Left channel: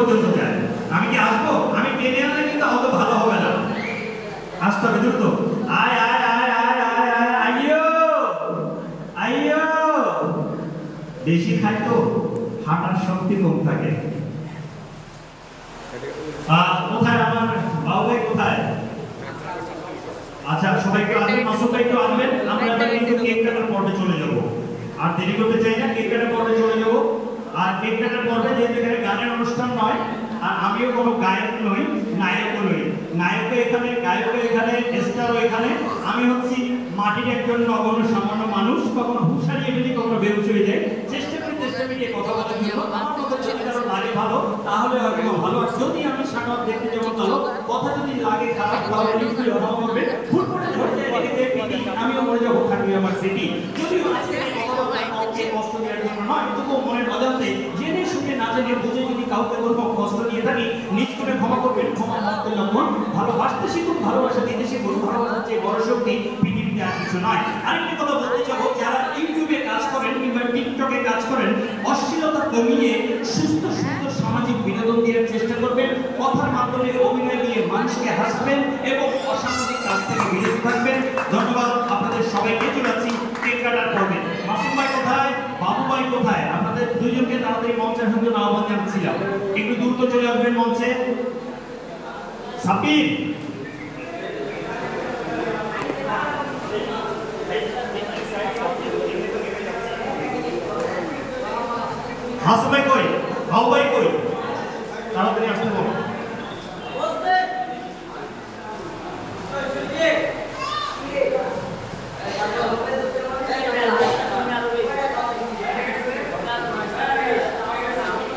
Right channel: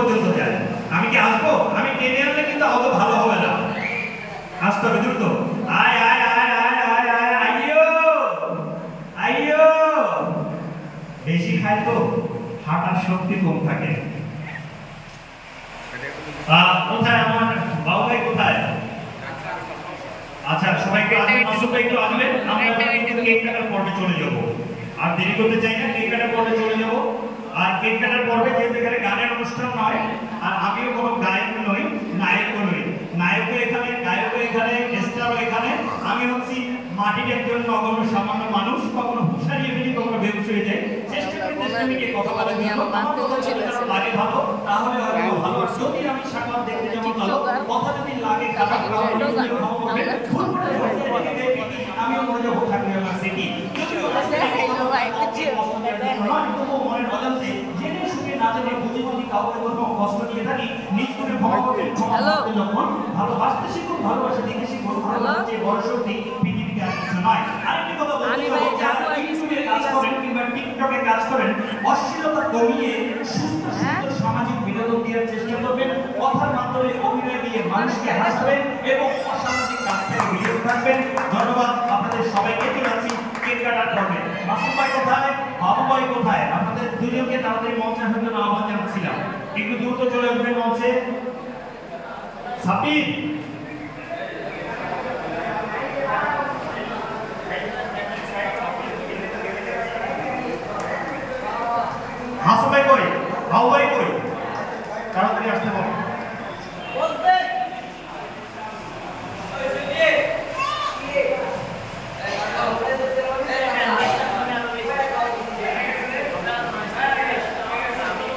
পর্যন্ত যায়। আমি কি আসবো? আমি ট্রেনে আসলে কিন্তু অত ভালো হবে না, আসতে হবে দ্রুত। আয় আয় আয় আয় আয় আয় আইয়ো আইয়ো। বেশি খায় তো হাঁটার শক্তি কম থাকে। কোথায় আমার বাবু ভাই কোথায়? আচ্ছা সবাইকে আসবেন, মাসুদ ভাই একটু আসবেন, আমরা এবার কিন্তু কেক কাটার পর্বে চলে যাব। আর দেরি করতে চাই না, কেক কাটার পর্বে চলে যাব। আর কেক কাটার পর্বে যেহেতু এখানে গানের অনুষ্ঠান নয়, আর আমিও কোনো গায়ক নই, নায়কও নই। নায়কও এখানে, গায়কও এখানে, স্টারও এখানে। আমি হচ্ছি মাটির একজন নগণ্য সামান্য মানুষ, কখনো হুঁশ হারিয়ে ফেলি, কখনো বেহুশ হয়ে যায়। চেষ্টা করি কথা বলার জন্য। আমার কথা যদি কারো লাগে ভালো তাহলে হয়তো ভালো, যদি আমি সাকার দেখতে যাবো ভালো, কথা যদি লাগে খারাপ তাহলে নিশ্চয়ই ভালো করবে। ফুটবলে ধরে যায় এদিকে পিটি, আমিও বলে যাবো থাকবে আমার সিটি। যদিও আজকে কথা বলা কাউকে কষ্ট দেওয়ার জন্য নয়, তবুও মনের অজান্তে জেনে শুনে না জেনে বুঝে যদি কাউকে কোথাও কষ্ট দিয়ে থাকি, নিজ করে ক্ষমা করবেন। ক্ষমা করতে লক্ষণ, ভালোবাসতে শিখুন, ভালোবাসা দিতে শিখুন। ভালোবাসার যে বড় শক্তি পৃথিবীতে আর কিছু নয়। আরেকটি কথা বলতে চাবো, যারা ইউটিউবে কাজ করেন কিংবা টিকটকে কাজ করেন, অশ্লীলতা কমিয়ে সুস্থ সুন্দর সামাজিক বিনোদন দেওয়ার চেষ্টা করবেন। কথার মাধ্যমে অভিনয় দিয়ে মানুষকে হাসবেন এবং অসামাজিক কাজ থেকে বিরত থাকবেন। ধন্যবাদ আপনাদের সবাইকে। চলাচ্ছি কেক কাটার পর্বে। মাসুম ভাই কোথায়, বাবু ভাই কোথায়? আপনাদের দুইজনকে তাড়াতাড়ি মঞ্চে আসতে আহ্বান জানাচ্ছিলাম, একটু দ্রুত চলে আসবেন মঞ্চে। সাবির